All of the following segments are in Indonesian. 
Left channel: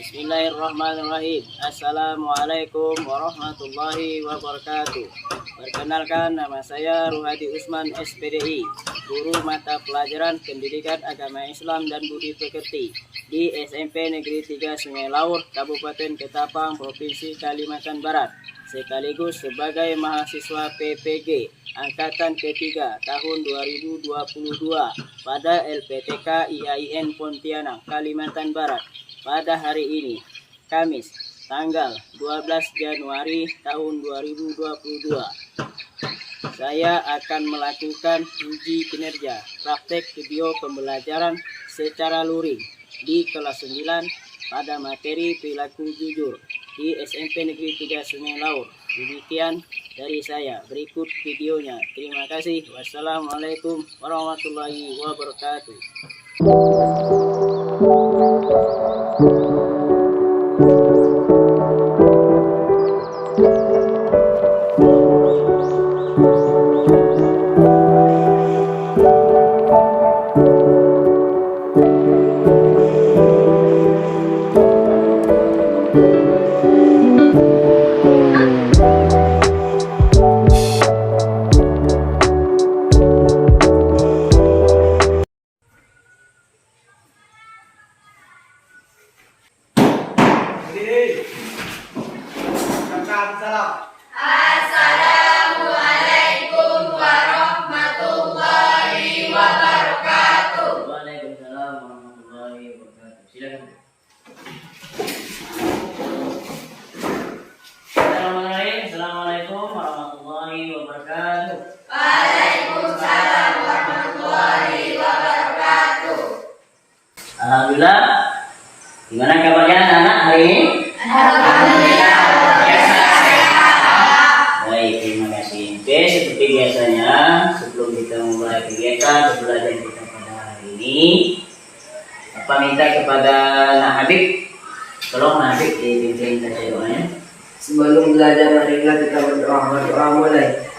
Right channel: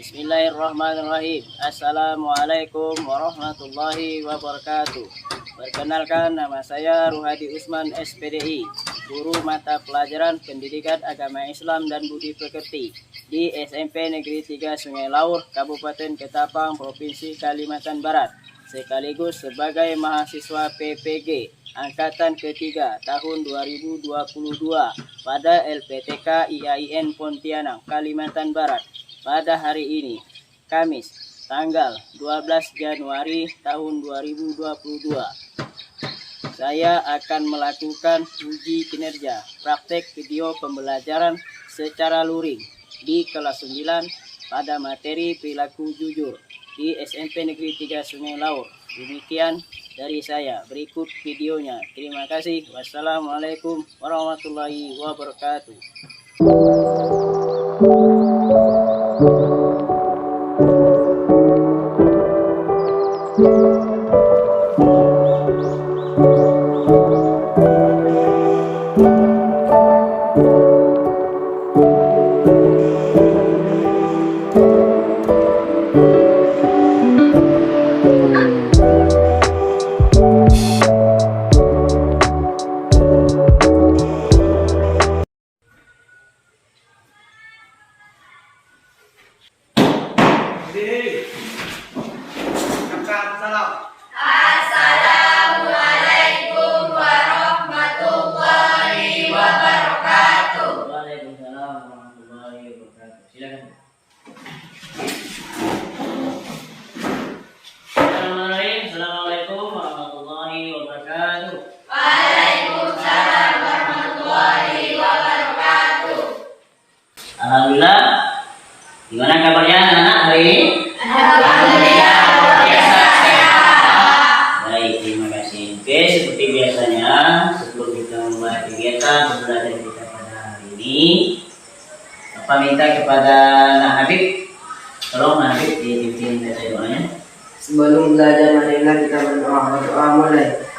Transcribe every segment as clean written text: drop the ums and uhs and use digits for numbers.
Bismillahirrahmanirrahim. Assalamualaikum warahmatullahi wabarakatuh. Perkenalkan, nama saya Ruhadi Usman SPDI, guru mata pelajaran Pendidikan Agama Islam dan Budi Pekerti di SMP Negeri 3 Sungai Laur, Kabupaten Ketapang, Provinsi Kalimantan Barat, sekaligus sebagai mahasiswa PPG Angkatan ketiga tahun 2022 pada LPTK IAIN Pontianak, Kalimantan Barat. Pada hari ini, Kamis, tanggal 12 Januari tahun 2022, saya akan melakukan uji kinerja praktek video pembelajaran secara luring di kelas 9 pada materi perilaku jujur di SMP Negeri 3 Sungai Laur. Demikian dari saya, berikut videonya. Terima kasih. Wassalamualaikum warahmatullahi wabarakatuh. Assalamualaikum warahmatullahi wabarakatuh. Waalaikumsalam warahmatullahi wabarakatuh. Silakan. Assalamualaikum warahmatullahi wabarakatuh. Waalaikumsalam warahmatullahi wabarakatuh. Alhamdulillah. Gimana kabarnya anak-anak hari ini? Alhamdulillah. Baik, terima kasih. Oke, seperti biasanya, sebelum kita memulai kegiatan pembelajaran kita pada hari ini, Bapak minta kepada Nak Habib, tolong Nak Habib dipimpin baca doanya. Sebelum belajar, marilah kita berdoa mulai.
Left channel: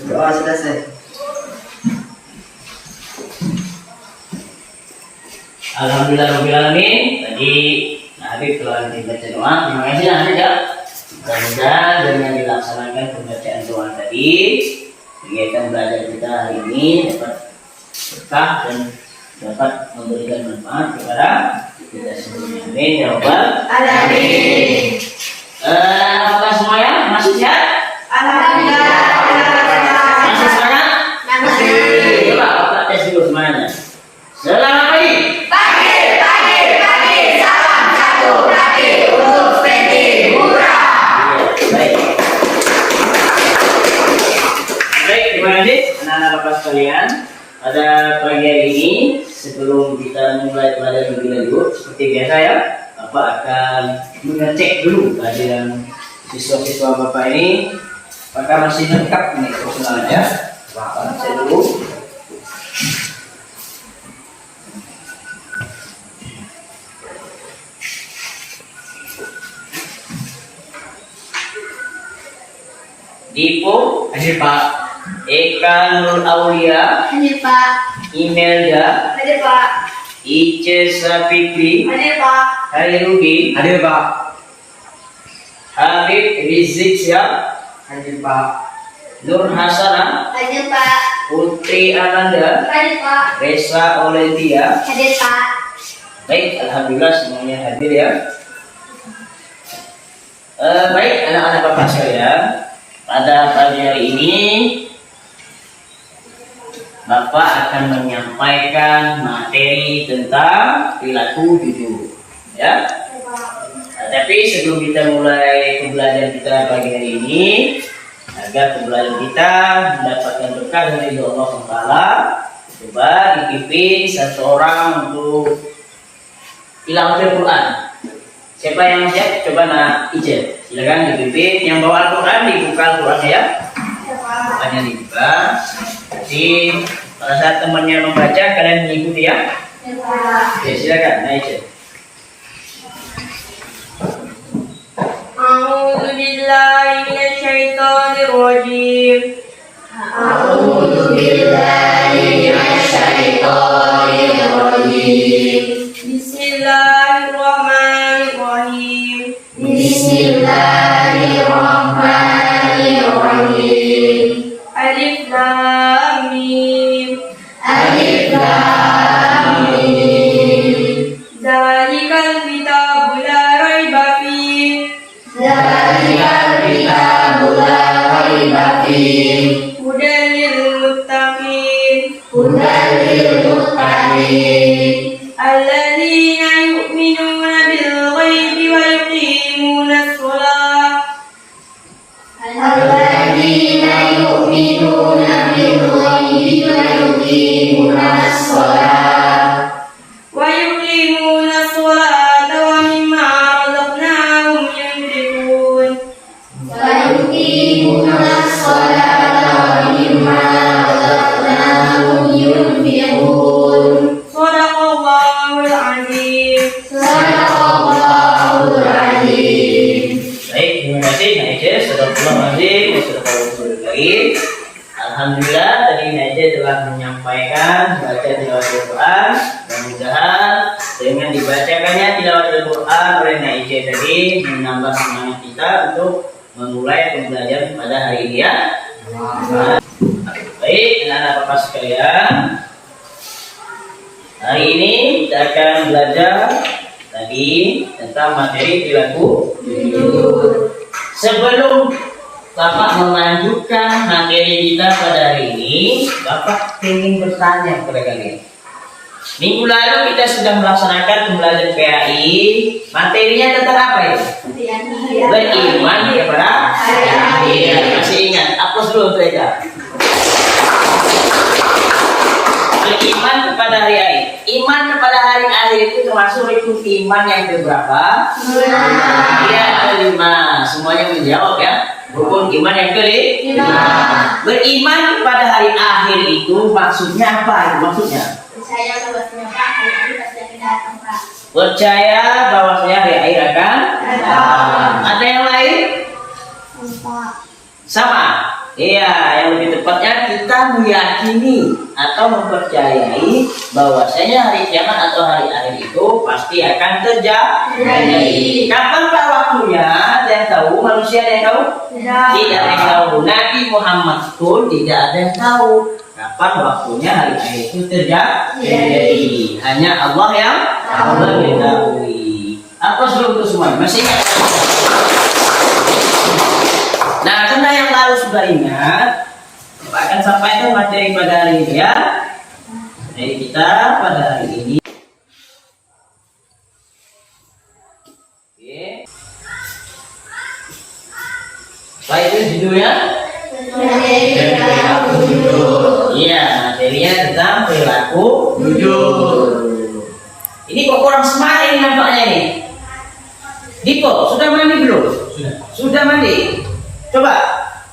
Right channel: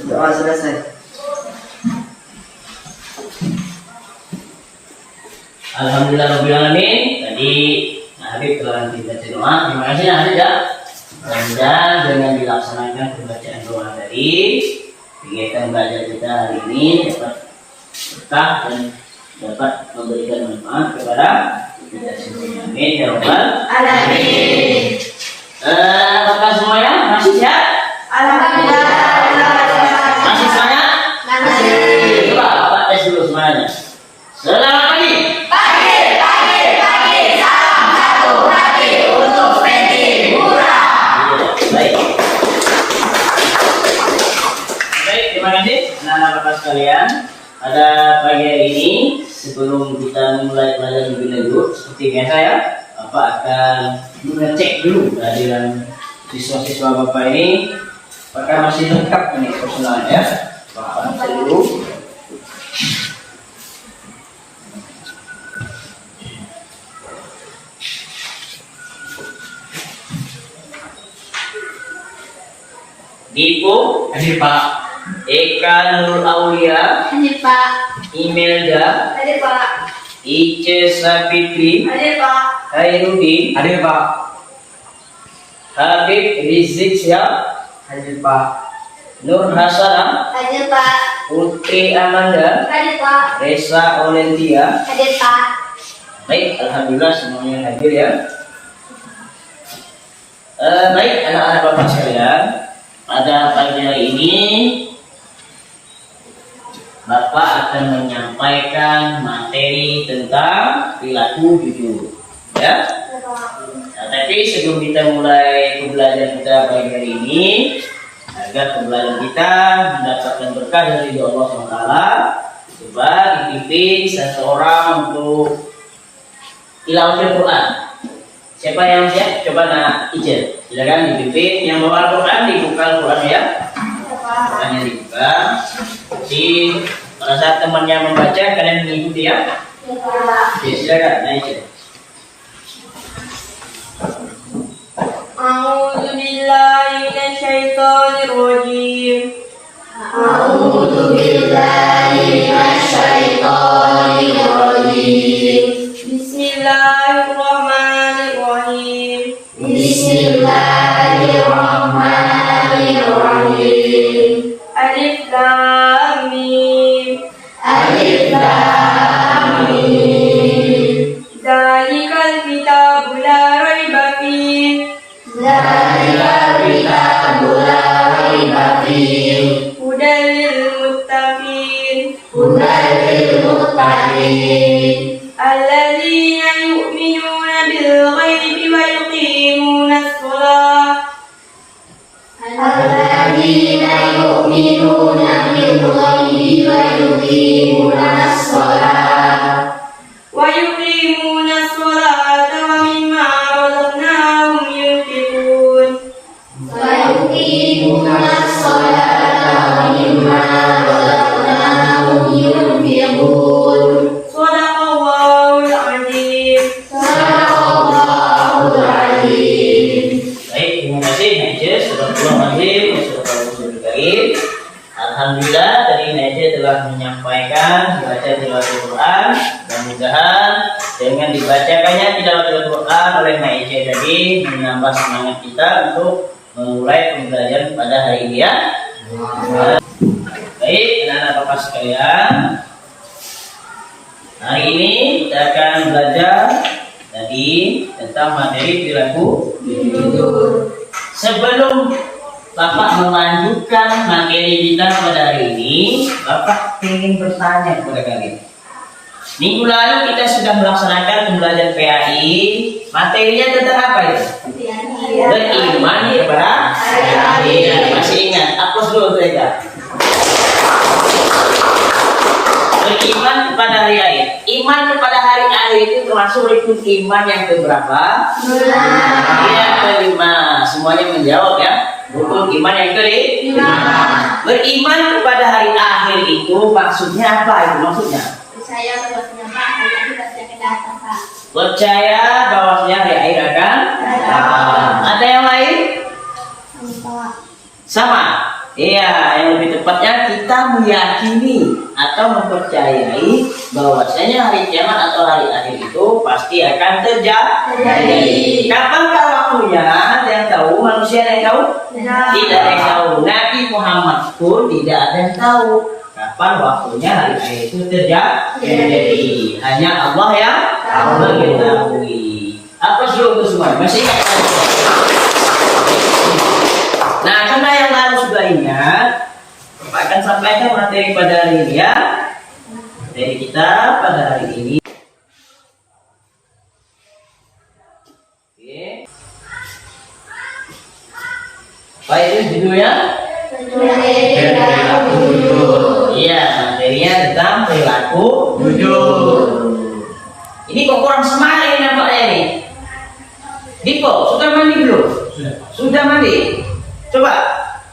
Berdoa selesai. Alhamdulillahirobbilalamin. Tadi Nak Habib telah membaca doa. Terima kasih Nak Habib ya. Mudah-mudahan dengan dilaksanakan pembacaan doa tadi, kegiatan belajar kita hari ini dapat berkah dan dapat memberikan manfaat kepada kita semuanya. Amin ya rabbal Alamin. Apakah semuanya masih sehat? Alhamdulillah. Masih semangat? Masih. Coba Bapak tes dulu semuanya. Selamat pagi. Pagi. Salam satu hati untuk Penti Murah. Baik. Baik, terima kasih anak-anak Bapak sekalian. Pada pagi hari ini, sebelum kita mulai pelajaran lebih lanjut, seperti biasa ya, Bapak akan mengecek dulu kehadiran siswa-siswa Bapak ini, apakah masih lengkap ini personalnya. Bapak cek dulu. Dipo, Hadir Pak. Eka Nurul Aulia, Hadir Pak. Imelda, Hadir Pak. Ice Sapitri, Hadir Pak. Hairudin, Hadir Pak. Habib Rizik Syihab, Hadir Pak. Nur Hasanah, Hadir Pak. Putri Amanda, Hadir Pak. Resa Olentia. Hadir Pak. Baik, alhamdulillah semuanya hadir ya. Baik anak-anak Bapak sekalian, pada pagi hari ini Bapak akan menyampaikan materi tentang perilaku jujur, ya. Nah, tapi sebelum kita mulai pembelajaran kita pagi hari ini, agar pembelajaran kita mendapatkan berkah dari Allah SWT, coba dipimpin satu orang untuk tilawatil Quran. Siapa yang siap? Coba Nak Ijel. Silakan dipimpin. Yang bawa Al-Quran dibuka Al-Quran ya. Qurannya dibuka. Jadi pada saat temannya membaca kalian mengikuti ya. Ya silakan Nak Ijel. A'udzu billahi minasyaitonir rajim. A'udzu billahi minasyaitonir rajim. الذين يؤمنون بالغيب ويقيمون الصلاة الذين يؤمنون بالغيب ويقيمون الصلاة ومما رزقناهم ينفقون ويقيمون الصلاة ومما رزقناهم ينفقون صدق الله العظيم. صدق الله العظيم. Baik, terima kasih Naija. Astagfirullahaladzim. Alhamdulillah tadi Naija telah menyampaikan baca tilawatul Quran. Mudah-mudahan dengan dibacakannya tilawatul Quran oleh Naija tadi menambah semangat kita untuk memulai pembelajaran pada hari ini ya. Baik, anak-anak bapak sekalian, hari ini kita akan belajar tadi tentang materi perilaku jujur. Sebelum Bapak melanjutkan materi kita pada hari ini, Bapak ingin bertanya kepada kalian. Minggu lalu kita sudah melaksanakan pembelajaran PAI. Materinya tentang apa itu? Beriman kepada hari akhir. Masih ingat? Hapus dulu saja. Beriman kepada hari akhir. Iman kepada hari akhir itu termasuk rukun iman yang keberapa? Iya, kelima. Semuanya menjawab ya. Rukun iman yang kelima. Beriman kepada hari akhir itu maksudnya apa? Itu maksudnya? Percaya bahwasanya Pak hari akhir pasti akan datang Pak. Percaya bahwasanya hari akhir akan datang. Ada yang lain? Sama. Iya, yang lebih tepatnya kita meyakini atau mempercayai bahwasanya hari kiamat atau hari akhir itu pasti akan terjadi. Kapankah waktunya? Ada yang tahu? Manusia ada yang tahu? Tidak ada yang tahu. Nabi Muhammad pun tidak ada yang tahu kapan waktunya hari akhir itu terjadi. Hanya Allah yang mengetahui. Apa suruh untuk semua? Masih ingat? Nah, karena yang lalu sudah ingat, Bapak akan sampaikan materi pada hari ini ya. Materi kita pada hari ini. Oke. Baik, itu judulnya? Perilaku jujur. Iya, materinya tentang perilaku jujur. Ini kok kurang semangat ini nampaknya ini. Diko, sudah mandi belum? Sudah mandi. Coba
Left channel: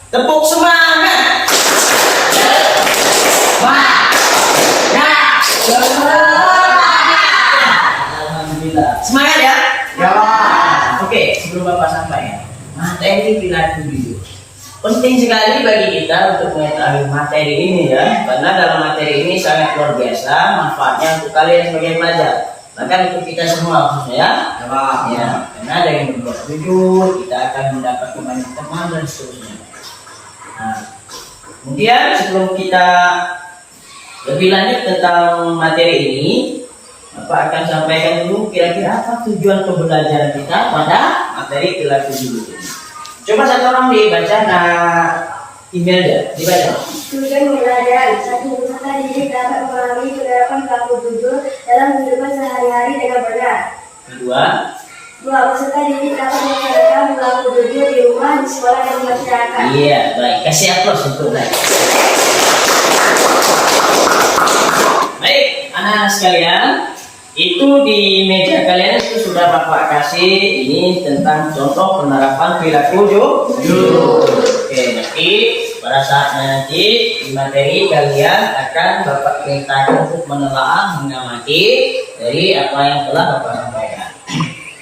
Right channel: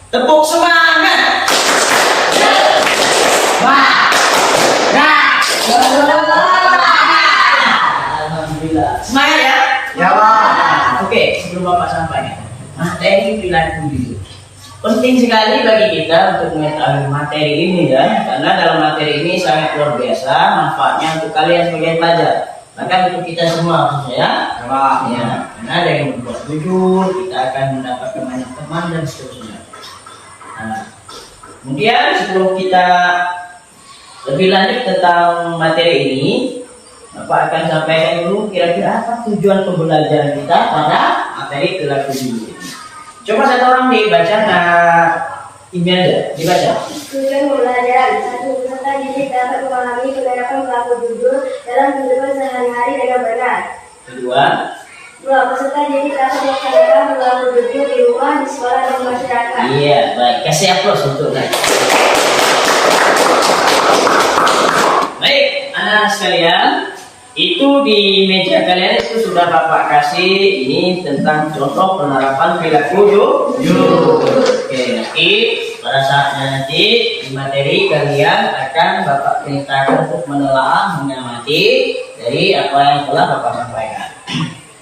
tepuk semangat. Alhamdulillah. Semangat ya? Ya, Pak. Oke, sebelum Bapak sampaikan materi perilaku jujur. Penting sekali bagi kita untuk mengetahui materi ini ya, karena dalam materi ini sangat luar biasa manfaatnya untuk kalian sebagai pelajar. Bahkan untuk kita semua khususnya ya, karena dengan berbuat jujur kita akan mendapatkan banyak teman dan seterusnya. Nah, kemudian sebelum kita lebih lanjut tentang materi ini, Bapak akan sampaikan dulu kira-kira apa tujuan pembelajaran kita pada materi perilaku jujur ini. Coba satu orang dibaca email ya, dibaca. Tujuan pembelajaran: 1. Peserta didik dapat memahami penerapan perilaku jujur dalam kehidupan sehari-hari dengan benar. 2. Peserta didik dapat melaksanakan perilaku jujur di rumah, di sekolah, dan di masyarakat. Iya, baik. Kasih aplaus untuk Nadia. Baik, anak-anak sekalian, itu di meja kalian itu sudah Bapak kasih ini tentang contoh penerapan perilaku jujur. Oke, nanti pada saatnya nanti di materi kalian akan Bapak perintahkan untuk menelaah, mengamati dari apa yang telah Bapak sampaikan.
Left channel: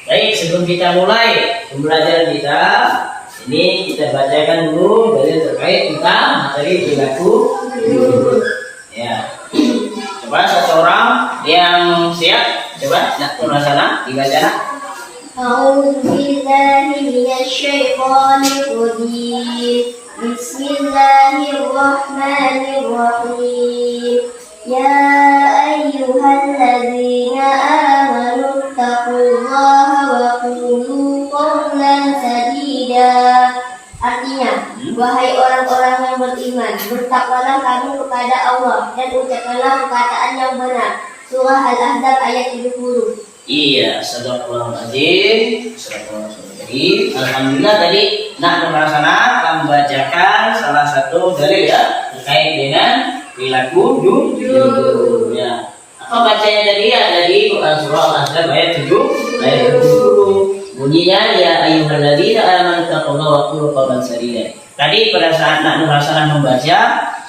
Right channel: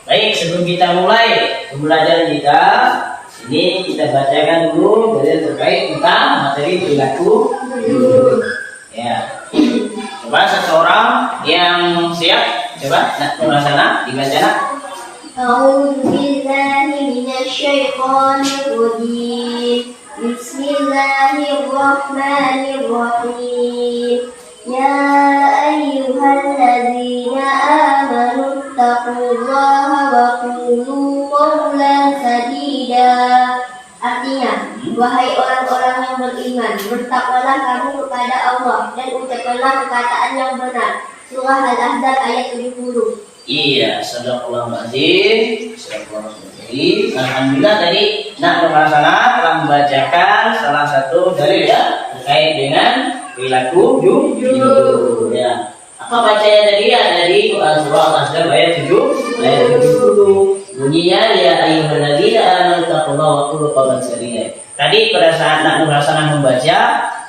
Baik, sebelum kita mulai pembelajaran kita, ini kita bacakan dulu dalil terkait tentang materi perilaku jujur. Ya. Coba satu orang yang siap, coba nak turun sana dibaca nak. A'udzu billahi minasyaitonir rajim. Bismillahirrahmanirrahim. Ya ayyuhalladzina amanu taqullaha wa qulu qawlan sadida. Artinya, wahai orang-orang yang beriman, bertakwalah kamu kepada Allah dan ucapkanlah perkataan yang benar. Surah Al-Ahzab ayat 70. Iya, sadaqallahul azim. Alhamdulillah tadi nak Nurhasana telah membacakan salah satu dalil ya terkait dengan perilaku jujur. Ya. Apa bacanya tadi? Ya dari surah Al-Ahzab ayat 70. Bunyinya ya ayyuhalladzina amanu taqullaha wa qulu qawlan sadida. Tadi pada saat nak Nurhasana membaca,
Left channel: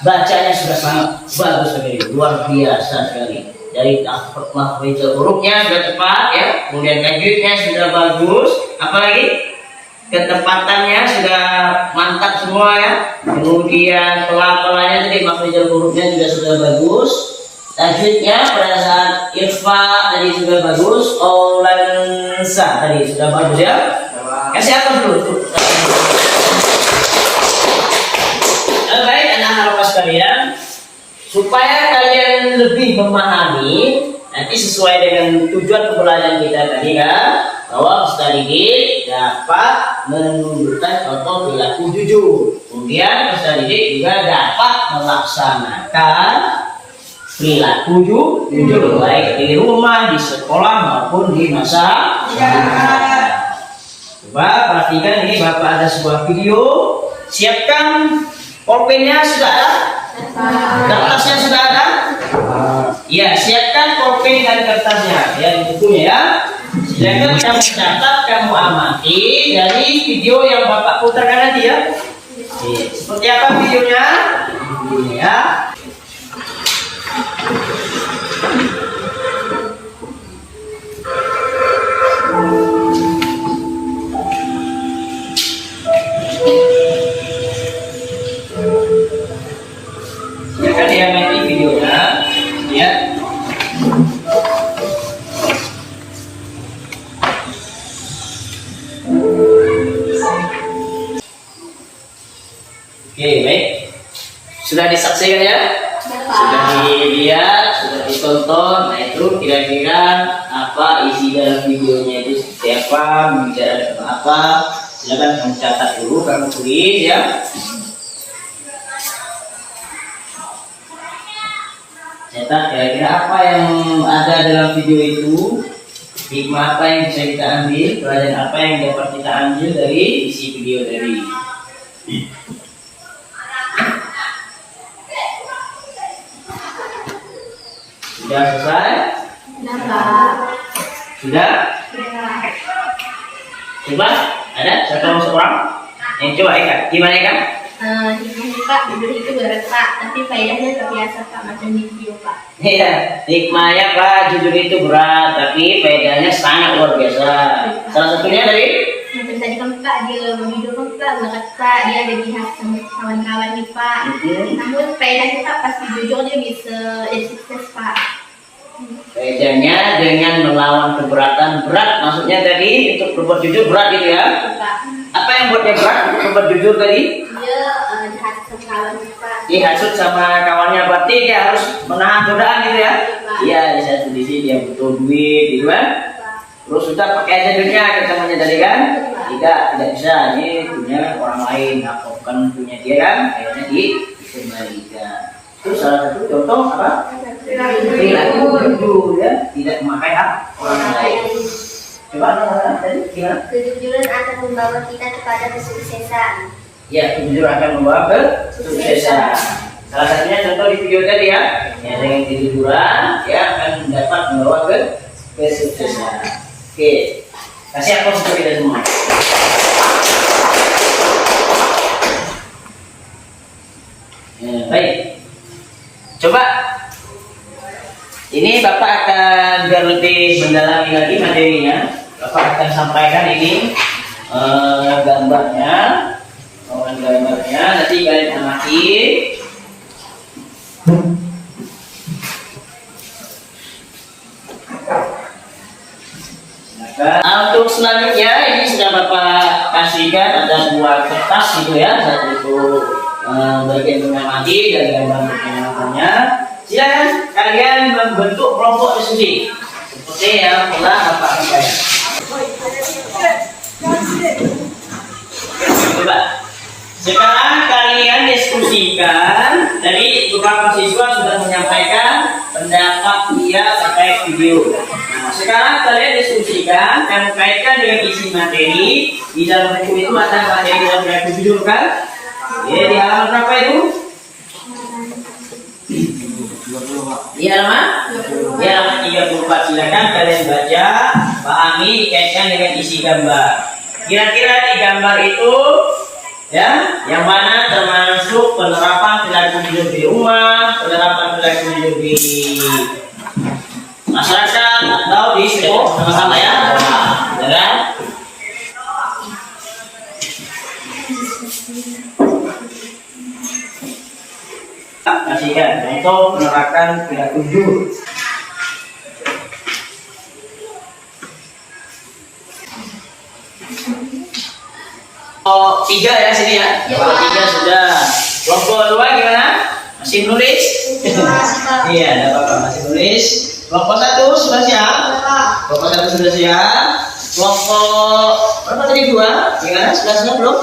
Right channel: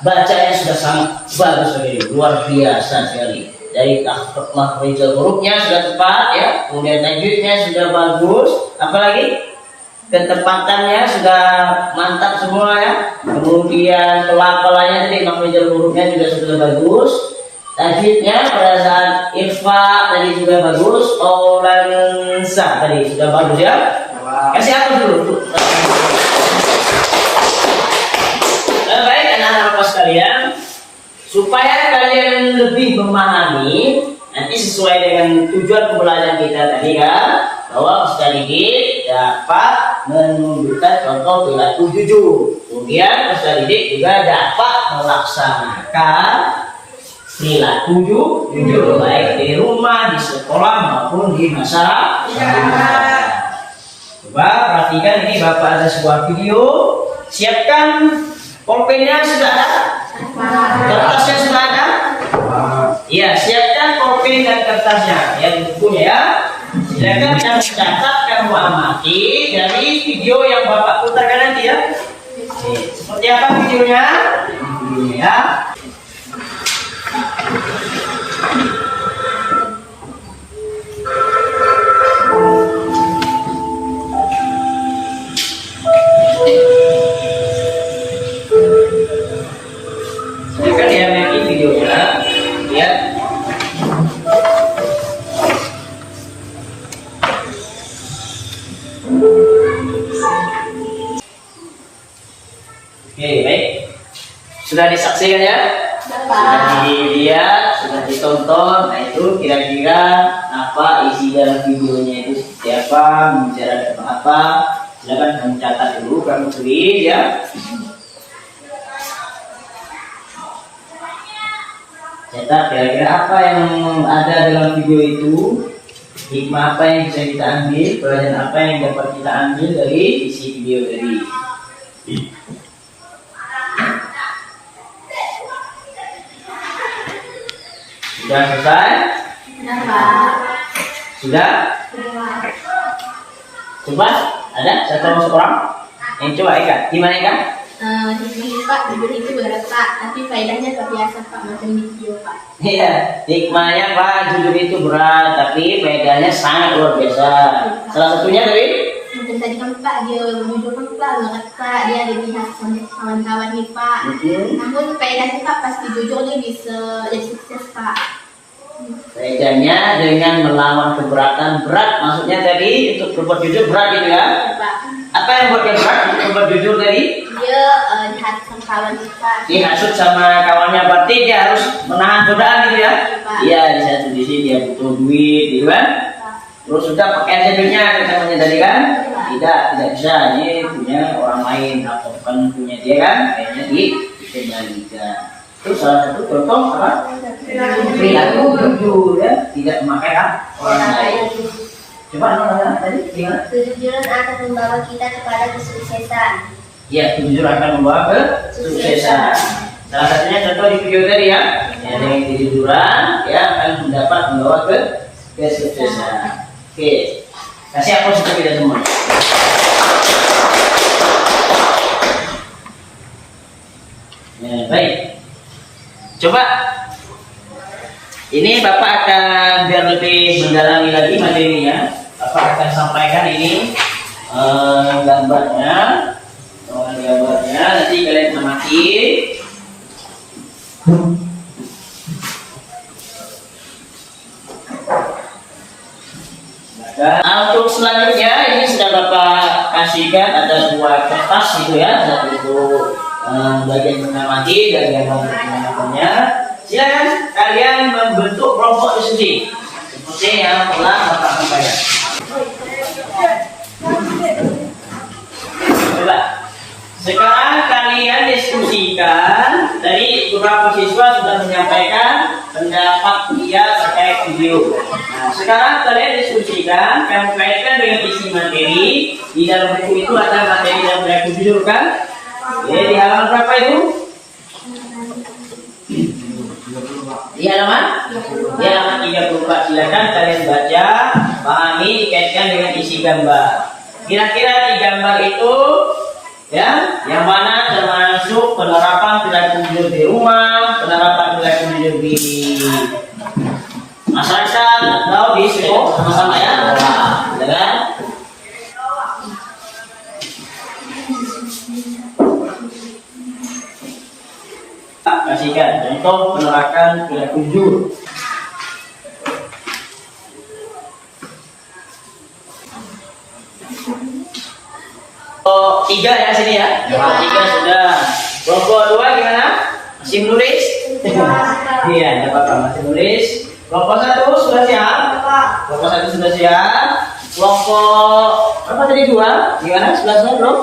bacanya sudah sangat bagus sekali, luar biasa sekali. Dari makhrajul hurufnya sudah tepat ya, kemudian tajwidnya sudah bagus, apalagi ketepatannya sudah mantap semua ya, kemudian pelafalannya tadi makhrajul hurufnya juga sudah bagus, tajwidnya pada saat ikhfa tadi juga bagus, qaulansa tadi sudah bagus ya. Kasih apa dulu? Baik anak-anak sekalian, supaya kalian lebih memahami nanti sesuai dengan tujuan pembelajaran kita tadi kan, bahwa Ustaz Didik dapat menunjukkan contoh perilaku jujur, kemudian Ustaz Didik juga dapat melaksanakan perilaku jujur baik di rumah, di sekolah maupun di masa depan. Coba perhatikan ini, Bapak ada sebuah video, siapkan pulpennya sudah ada? Kertasnya sudah ada? Ya, siapkan pulpen dan kertasnya ya, di bukunya ya. Silakan kamu catat, kamu amati dari video yang Bapak putarkan nanti ya. Oke, seperti apa videonya? Videonya ya. Silakan diamati videonya ya. Oke, baik. Sudah disaksikan ya? Sudah dilihat, sudah ditonton. Nah itu kira-kira apa isi dalam videonya itu seperti apa, membicarakan tentang apa. Silakan kamu catat dulu, kamu tulis ya. Catat kira-kira apa yang ada dalam video itu, hikmah apa yang bisa kita ambil, pelajaran apa yang dapat kita ambil dari isi video tadi. Sudah selesai? Sudah, Pak. Sudah? Coba, ada satu seorang yang coba Eka, gimana Eka? Hikmahnya Pak, jujur itu berat Pak, tapi faedahnya terbiasa Pak, macam di video Pak. Iya, hikmahnya Pak, jujur itu berat, tapi faedahnya sangat luar biasa. Salah satunya tadi? Macam tadi kan Pak, dia berjudul kan Pak, berat Pak, dia ada pihak sama kawan-kawan nih Pak. Namun faedahnya Pak, pasti jujur dia bisa jadi sukses Pak. Faedahnya dengan melawan keberatan berat, maksudnya tadi untuk berbuat jujur berat gitu ya? Pak. Apa yang buatnya berat untuk berbuat jujur tadi? Dia dihasut sama kawan nih Pak. Dihasut sama kawannya, berarti dia harus menahan godaan gitu ya? Pak. Iya, di satu sisi dia butuh duit gitu kan? Pak. Terus sudah pakai aja duitnya namanya tadi kan? Pak. Tidak bisa, ini punya orang lain atau bukan punya dia kan? Akhirnya dikembalikan. Terus salah satu contoh apa? Perilaku jujur ya, tidak memakai hak orang lain. Coba tadi gimana? Kejujuran akan membawa kita kepada kesuksesan. Ya, kejujuran akan membawa kesuksesan. Salah satunya contoh di video tadi ya, yang dengan kejujuran ya akan dapat membawa kesuksesan. Oke, kasih aplaus untuk kita semua. Ya, baik. Coba ini Bapak akan biar lebih mendalami lagi materinya, Bapak akan sampaikan ini gambarnya, nanti kalian amati. Untuk selanjutnya ini sudah Bapak kasihkan, ada dua kertas gitu ya, satu untuk bagian mengamati dan gambar pengamatinya. Silakan kalian membentuk kelompok diskusi seperti yang telah Bapak sampaikan. Coba Sekarang kalian diskusikan. Tadi beberapa siswa sudah menyampaikan pendapat dia terkait video. Nah, sekarang kalian diskusikan, kalian kaitkan dengan isi materi. Di dalam buku itu ada materi yang berlaku judul kan? Ya, di halaman berapa itu? Di halaman? Di halaman 34. Silakan kalian baca, pahami, dikaitkan dengan isi gambar. Kira-kira di gambar itu, ya, yang mana termasuk penerapan perilaku hidup di rumah, penerapan perilaku hidup di masyarakat atau di sekolah sama-sama ya, dengan kasihkan contoh penerapan perilaku hidup. Oh, 3 ya sini ya. Oh, 3 sudah. Kelompok 2 gimana? Masih menulis? Iya, enggak apa-apa, masih menulis. Kelompok 1 sudah siap? Kelompok 1 sudah siap. Kelompok berapa tadi 2? Gimana? Sudah siap belum?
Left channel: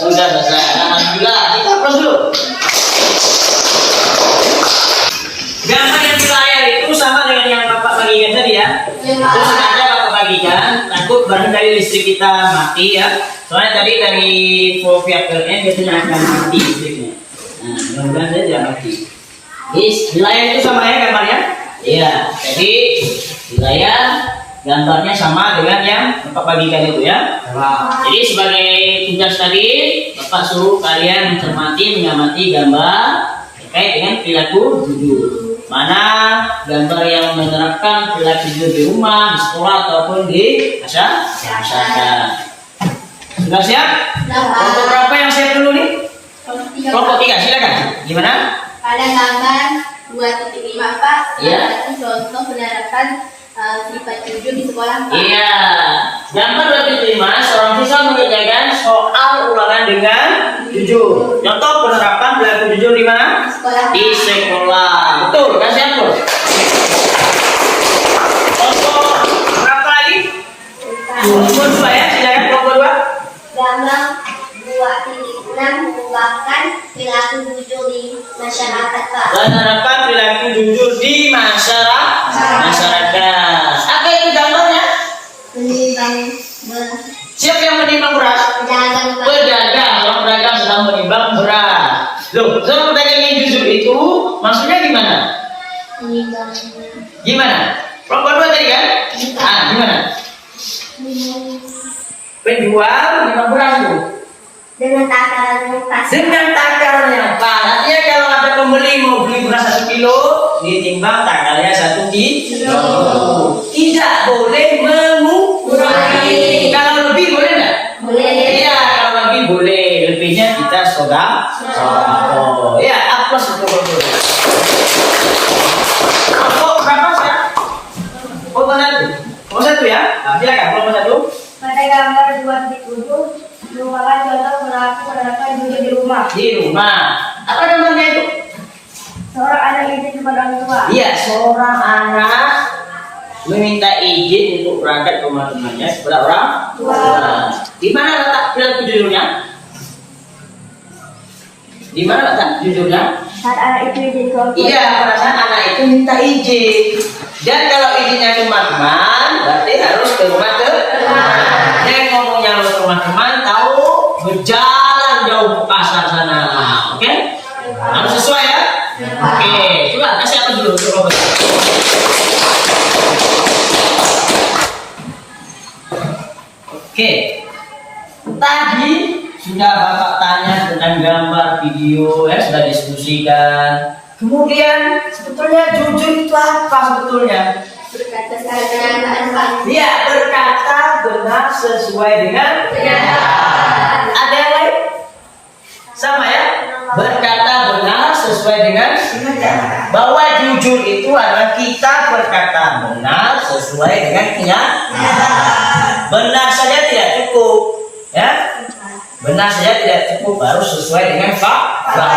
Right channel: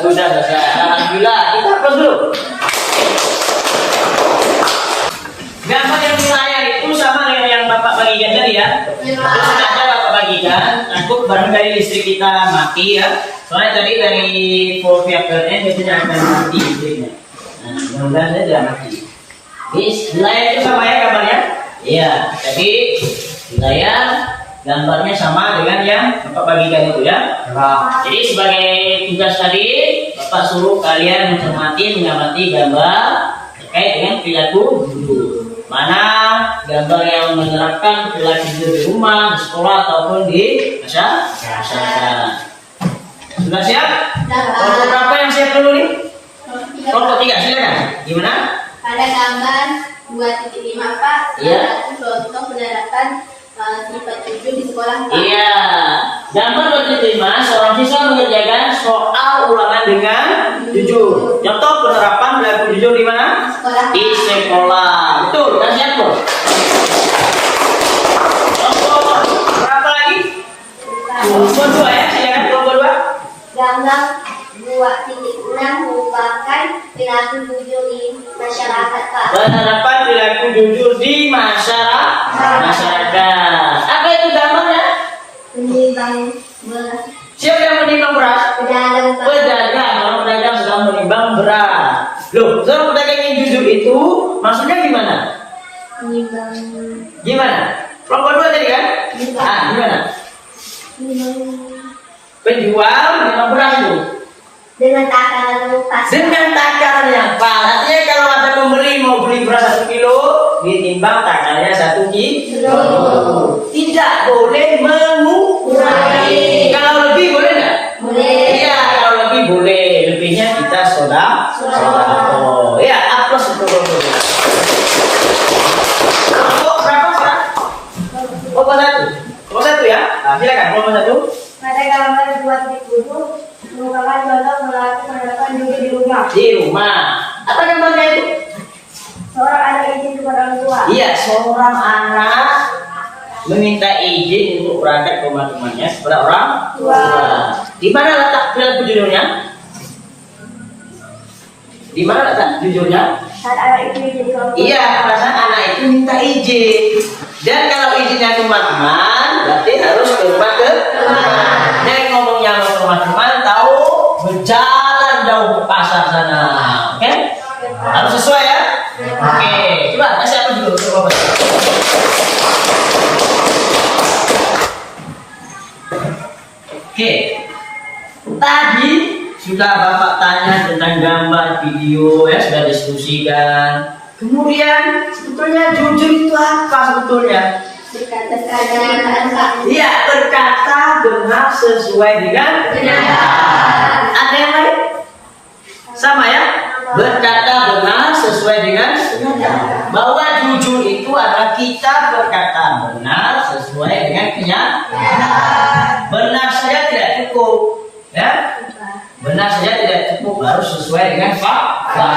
Sudah selesai. Alhamdulillah. Kita aplaus dulu. Gambar yang di layar itu sama dengan yang Bapak bagikan tadi ya. Terus sengaja Bapak bagikan, takut barangkali listrik kita mati ya. Soalnya tadi dari voltmeternya biasanya akan mati listriknya. Nah, mudah-mudahan saja tidak mati. Di layar itu sama ya gambarnya? Iya. Jadi di layar gambarnya sama dengan yang Bapak bagikan itu ya. Jadi sebagai tugas tadi, Bapak suruh kalian mencermati, mengamati gambar terkait dengan perilaku jujur. Mana gambar yang menerapkan perilaku jujur di rumah, di sekolah ataupun di masyarakat. Sudah siap? Kelompok berapa yang siap dulu nih? Kelompok 3, silakan. Gimana? Pada gambar 2.5 Pak, Iya. itu contoh penerapan sifat jujur di sekolah Pak. Iya. Gambar 2.5, seorang siswa mengerjakan soal ulangan dengan jujur. Contoh penerapan perilaku jujur di mana? Sekolah. Di sekolah. Betul, kan siap bro? Kelompok berapa lagi? Kelompok 2 ya, silakan kelompok 2. Gambar 2.6 merupakan perilaku jujur di masyarakat Pak. Penerapan perilaku jujur di masyarakat. Apa itu gambarnya? Menimbang Siapa yang menimbang beras? pedagang Pak. Pedagang. Kalau pedagang sedang menimbang beras. Loh, so pedagang yang jujur itu maksudnya gimana? Menimbang Gimana? Kelompok 2 tadi kan? Ah, gimana? Penjual menimbang beras itu dengan takaran yang pas. dengan takaran yang pas. Artinya kalau ada pembeli mau beli beras 1 kilo, ditimbang takarnya 1 kilo. Tidak boleh mengurangi. Kalau lebih boleh nggak? Boleh. Iya, kalau lebih boleh. Lebihnya kita sodako. Ya, aplaus untuk kelompok. Kelompok berapa sekarang? Kelompok 1. Kelompok 1 ya. Nah, silakan kelompok 1. Pada gambar 2.7 merupakan contoh perilaku penerapan jujur di rumah. Di rumah. Apa gambarnya itu? Seorang anak izin kepada orang tua. Iya, seorang anak meminta izin untuk berangkat ke rumah temannya kepada orang tua. Di mana letak perilaku jujurnya? Di mana letak jujurnya? Saat anak itu izin ke orang tua. Iya, pada saat anak itu minta izin. Dan kalau izinnya ke teman, berarti harus ke rumah teman. Jangan ngomong yang ke rumah teman, tahu berjalan jauh ke pasar sana. Oke? Harus sesuai ya? Oke, coba kasih apa dulu untuk Robert? Oke, tadi sudah Bapak tanya tentang gambar video ya, sudah diskusikan. Kemudian sebetulnya jujur itu apa sebetulnya? Berkata keadaan Pak. Iya, berkata benar sesuai dengan kenyataan. Ada yang lain? Sama ya? Berkata benar sesuai dengan kenyataan. Bahwa jujur itu adalah kita berkata benar sesuai dengan kenyataan. Benar saja tidak cukup, ya? Benar saja tidak cukup, harus sesuai dengan fakta.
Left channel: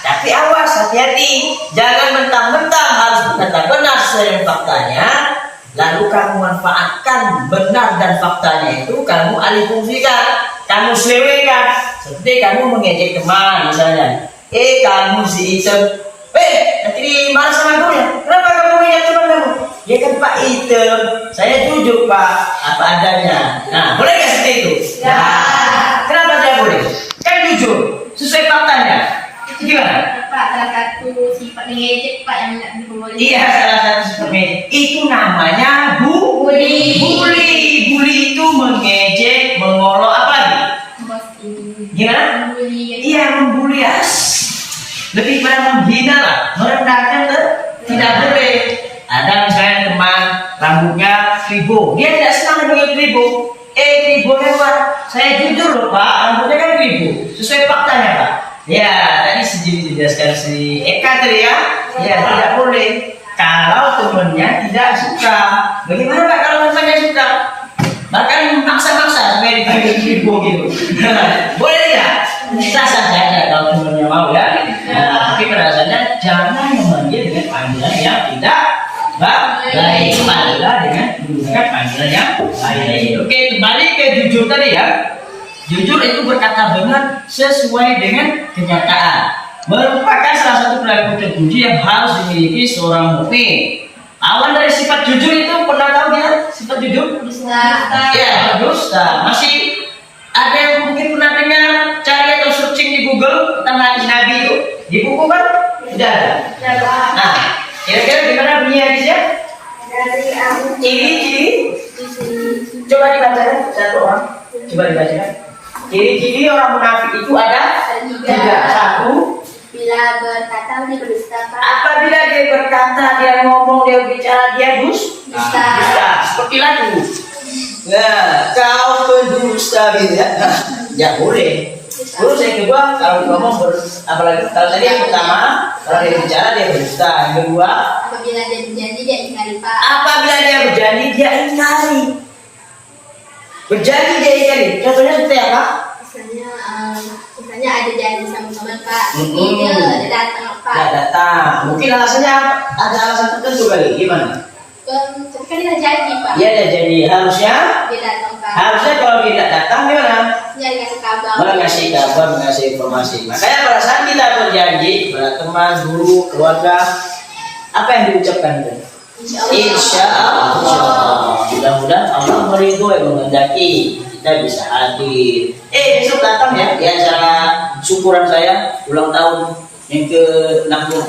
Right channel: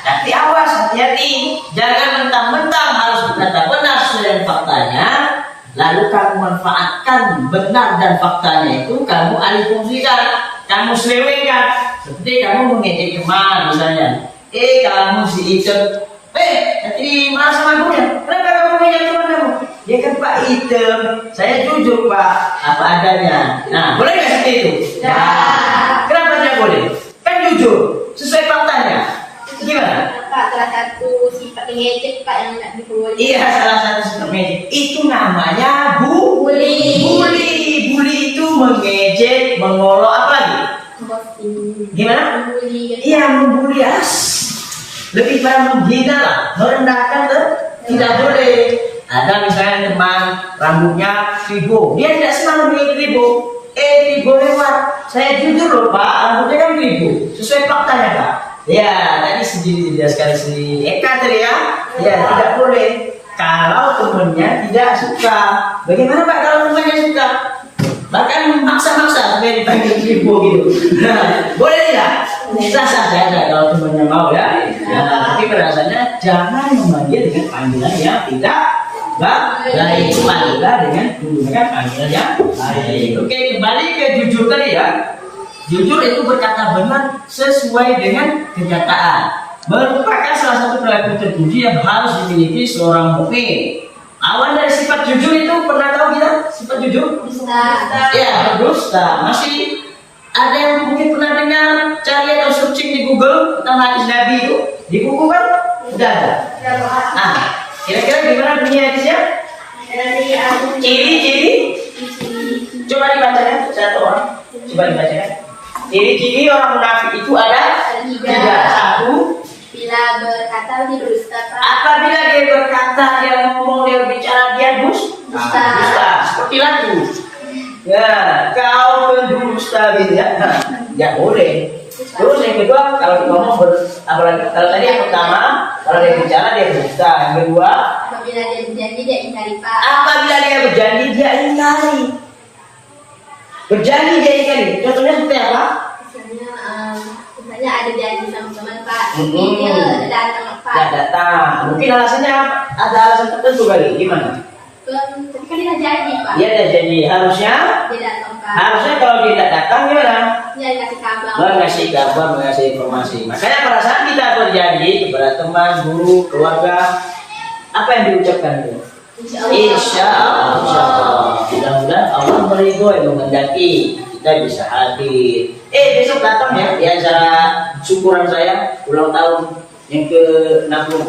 Tapi awas, hati-hati, jangan mentang-mentang harus berkata benar sesuai dengan faktanya, lalu kamu manfaatkan benar dan faktanya itu kamu alih fungsikan, kamu selewengkan. Seperti kamu mengejek teman misalnya. Kamu si Item. Nanti dimarah sama ibu ya. Kenapa kamu mengejek teman kamu? Ya kan Pak Item. Saya jujur Pak, apa adanya. Nah, boleh nggak seperti itu? Ya. Kenapa tidak boleh? Kan jujur, sesuai faktanya. Gimana? Pak, salah satu sifat mengejek Pak yang nggak diperbolehkan. Iya, salah satu seperti itu namanya bully. Bully itu mengejek, mengolok, apa lagi? Ghosting. Gimana? Membuli. Iya, membuli lebih pada menghina lah, merendahkan tuh tidak boleh. Ada misalnya teman rambutnya ribu, dia tidak senang dengan ribu. Ribu lewat. Saya jujur loh Pak, rambutnya kan ribu, sesuai faktanya Pak. Ya, tadi dijelaskan si Eka tadi ya. Ya, tidak boleh. Kalau temannya tidak suka, bagaimana Pak kalau temannya suka? Bahkan maksa-maksa supaya dipanggil ribu gitu. Boleh tidak? Sah-sah saja kalau temannya mau ya. Tapi perasaannya jangan memanggil dengan panggilan yang tidak baik. Panggillah dengan menggunakan panggilan yang baik. Oke, kembali ke jujur tadi ya. Jujur itu berkata benar sesuai dengan kenyataan. Merupakan salah satu perilaku terpuji yang harus dimiliki seorang mukmin. Awan dari sifat jujur itu pernah tahu kita sifat jujur? Dusta. Ya, dusta. Masih ada yang mungkin pernah dengar cari atau searching di Google tentang hadis Nabi itu? Di buku kan? Sudah ada. Nah, kira-kira gimana bunyi hadisnya? Dari Abu Ciri-ciri. Coba dibacakan satu orang. Coba dibacakan. Ciri-ciri orang munafik itu ada tiga. Satu, Bila berkata dia berdusta Pak. apabila dia berkata, dia ngomong, dia bicara, dia dusta. Seperti lagu. Ya, kau pendusta gitu ya. Ya boleh. Terus yang kedua, kalau ngomong apalagi kalau tadi yang pertama, kalau dia bicara dia berdusta. Yang kedua, Apabila dia berjanji dia ingkari Pak. apabila dia berjanji dia ingkari. Berjanji dia ingkari. Contohnya seperti apa? Misalnya ada janji sama teman Pak. Mm-mm. Dia tidak datang Pak. Tidak datang. Mungkin alasannya apa? Ada alasan tertentu kali. Gimana? Tapi kan dia janji Pak. Dia ada janji. Harusnya Dia datang Pak. kalau dia tidak datang gimana? Dia dikasih kabar. Mengasih kabar, mengasih informasi. Makanya pada saat kita berjanji kepada teman, guru, keluarga, apa yang diucapkan itu? Insya Allah. Mudah-mudahan Allah meridhoi, menghendaki kita bisa hadir. Besok datang ya di acara syukuran saya ulang tahun yang ke-64.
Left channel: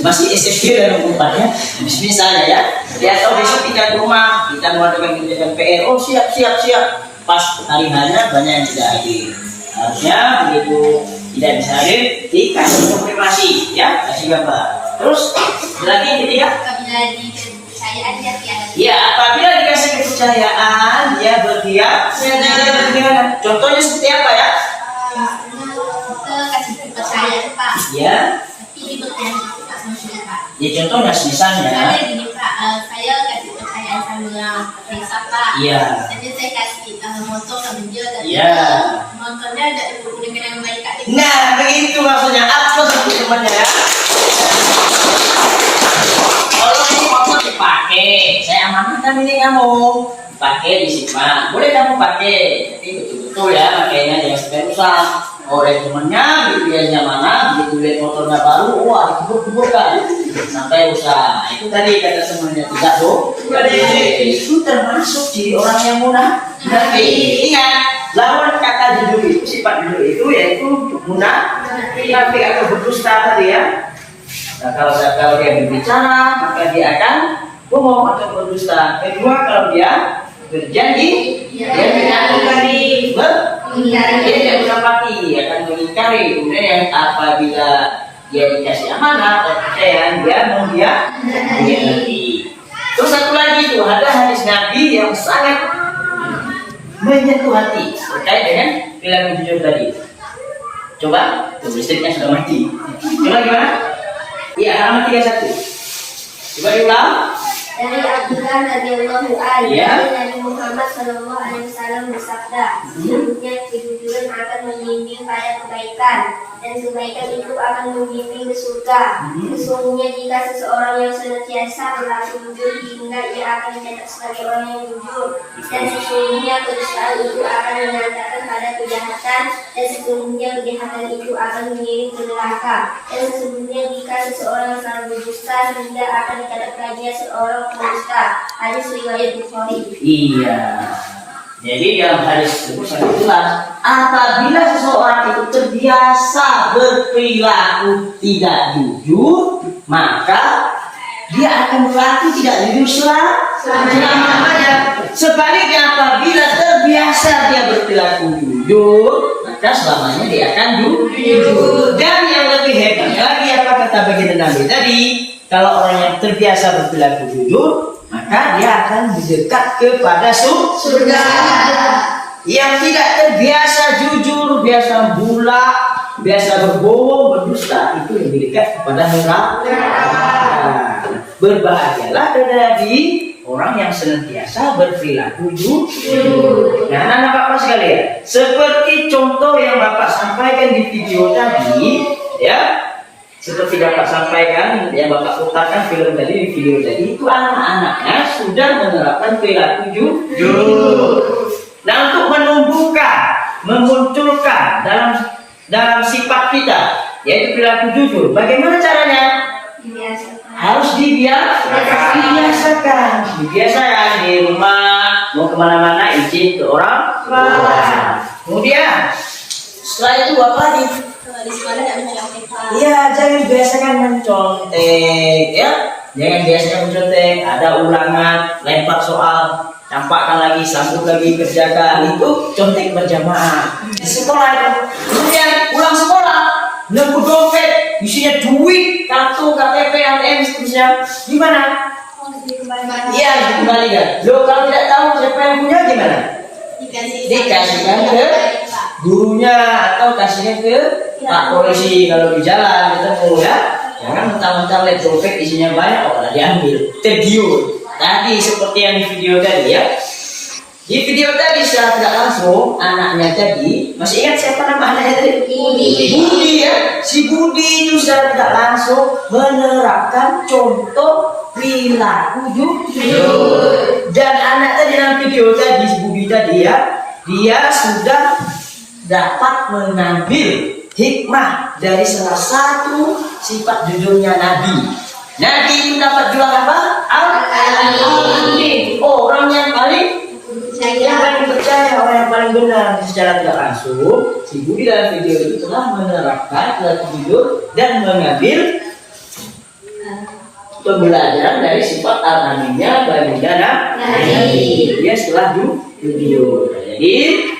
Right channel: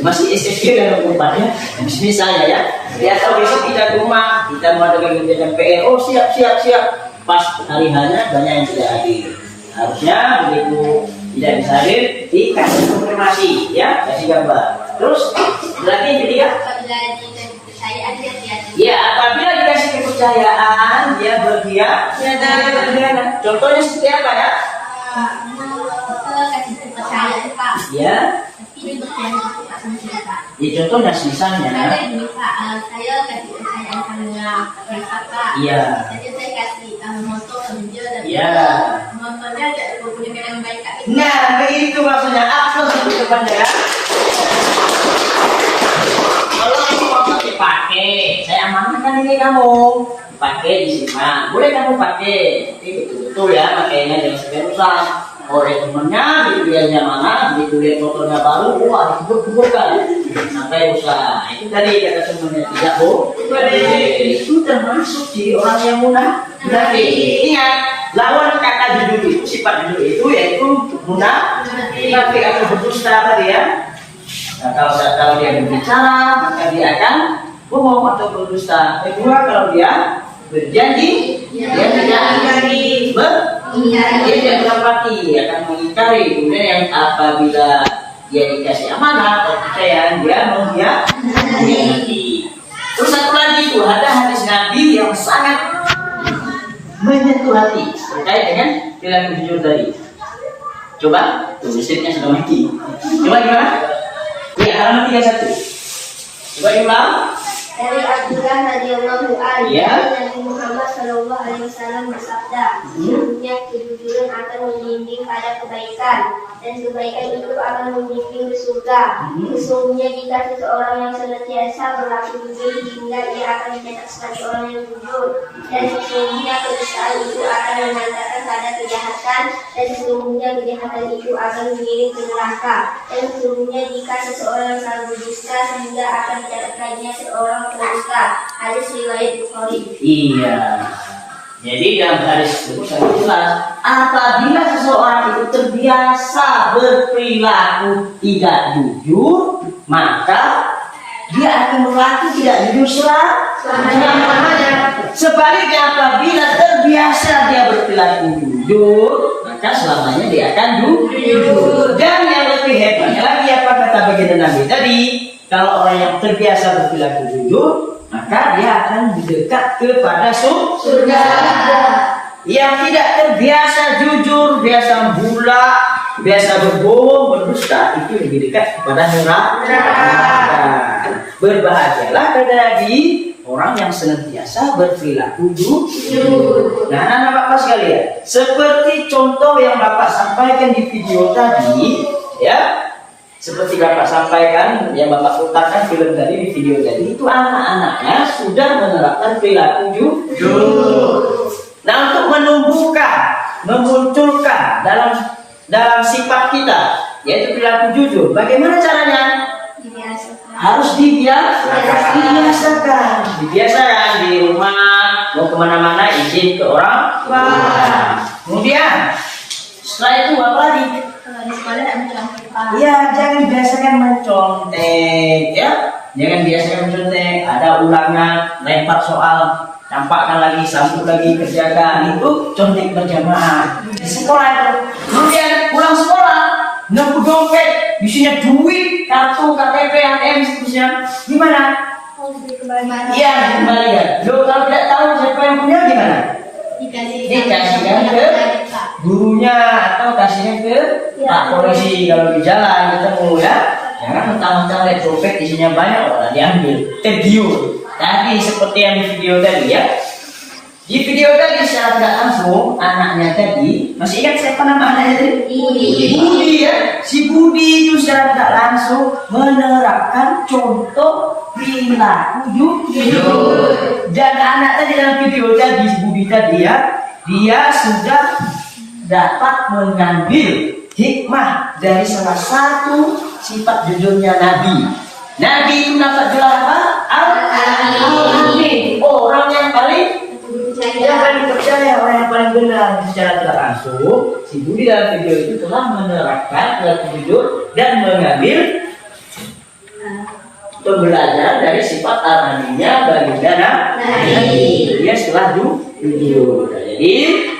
Masih SFG dan 64 ya. Misalnya ya. Dia tahu besok kita ke rumah, kita mengadakan kegiatan PR. Oh siap. Pas hari hanya banyak yang tidak hadir. Harusnya begitu tidak bisa hadir, dikasih konfirmasi ya, kasih gambar. Terus lagi yang ketiga. Apabila dikasih kepercayaan dia tiada. Ya, apabila dikasih kepercayaan, dia berkhianat. Contohnya seperti apa ya? Kita kasih kepercayaan Pak. Ya, Tapi berjanji Pak sama kita Pak. ya contohnya misalnya. Misalnya gini Pak, saya kasih kepercayaan sama Reza Pak. Iya. Jadi saya kasih motor sama dia, tapi Iya. motornya tidak dipergunakan yang baik Kak. Nah, begitu maksudnya. Apa seperti temannya ya? Kalau ini motor dipakai, saya amanahkan ini kamu. Pakai disimpan, boleh kamu pakai, tapi betul-betul ya pakainya jangan sampai rusak. Oleh temennya, biayanya mana, begitu lihat motornya baru, wah dikebuk-kebukkan sampai rusak. Itu tadi kata temennya tidak boleh. Itu termasuk ciri orang yang munafik. Ingat, lawan kata jujur itu, sifat jujur itu yaitu munafik atau berdusta tadi ya. Nah, kalau dia berbicara, maka dia akan bohong atau berdusta. Kedua, kalau dia berjanji, dia tidak ingkari, dia tidak menepati, akan mengingkari. Kemudian yang apabila dia dikasih amanah atau kepercayaan, dia mengkhianati. Terus satu lagi itu ada hadis Nabi yang sangat menyentuh hati terkait dengan perilaku jujur tadi. Coba, tuh listriknya sudah mati. Coba gimana? Ya, halaman 31. Coba diulang. Dari Abdullah radhiyallahu anhu, Ya. Nabi Muhammad sallallahu alaihi wasallam bersabda, sesungguhnya kejujuran akan membimbing pada kebaikan dan kebaikan itu akan membimbing ke surga. Sesungguhnya jika seseorang yang senantiasa berlaku jujur hingga ia akan dicatat sebagai orang yang jujur, dan sesungguhnya kedustaan itu akan mengantarkan pada kejahatan, dan sesungguhnya kejahatan itu akan mengiring ke neraka, dan sesungguhnya jika seseorang yang selalu berdusta sehingga akan dicatat baginya seorang pendusta. Hadis riwayat Bukhari. Iya. Jadi dalam hadis itu sangat jelas, apabila seseorang itu terbiasa berperilaku tidak jujur, maka dia akan berlaku tidak jujur selamanya. Sebaliknya apabila terbiasa dia berperilaku jujur, maka selamanya dia akan jujur. Dan yang lebih hebatnya lagi apa kata baginda Nabi tadi, kalau orang yang terbiasa berperilaku jujur, maka dia akan mendekat kepada surga. Yang tidak terbiasa jujur, biasa bula, biasa berbohong, berdusta, itu lebih dekat kepada neraka. Berbahagialah tadi orang yang senantiasa berperilaku jujur. Nah, anak-anak Bapak sekalian, seperti contoh yang Bapak sampaikan di video tadi, ya. Seperti Bapak sampaikan, yang Bapak putarkan film tadi di video tadi, itu anak-anaknya sudah menerapkan perilaku jujur. Nah, untuk menumbuhkan, memunculkan dalam sifat kita, yaitu perilaku jujur, bagaimana caranya? Harus dibiasakan. Dibiasakan di rumah, mau kemana-mana izin ke orang tua. Kemudian setelah itu apa lagi? Di sekolah tidak mencontek, Pak. Iya, jangan biasakan mencontek, ya. Jangan biasakan mencontek. Ada ulangan, lempar soal, campakkan lagi, sambung lagi, kerjakan. Itu contek berjamaah di sekolah itu. Kemudian pulang sekolah, nemu dompet, isinya duit, kartu, KTP, ATM, seterusnya. Gimana? Iya, dikembalikan. Lo kalau tidak tahu siapa yang punya gimana? Dikasihkan ke gurunya atau kasihnya ke Pak Polisi kalau di jalan ketemu, ya. Jangan mentang-mentang lihat dompet isinya banyak orang diambil, tergiur. Tadi seperti yang di video tadi, ya. Di video tadi secara tidak langsung anaknya tadi, masih ingat siapa nama anaknya tadi? Budi, ya. Si Budi itu secara tidak langsung menerapkan contoh perilaku jujur. Dan anak tadi dalam video tadi, si Budi tadi, ya, dia sudah dapat mengambil hikmah dari salah satu sifat jujurnya Nabi. Nabi itu dapat gelar apa? Al-Amin. Orang yang paling percaya, orang yang paling benar. Secara tidak langsung, si Budi dalam video itu telah menerapkan perilaku jujur dan mengambil pembelajaran dari sifat al-aminnya baginda Nabi. Dia setelah jujur. Jadi,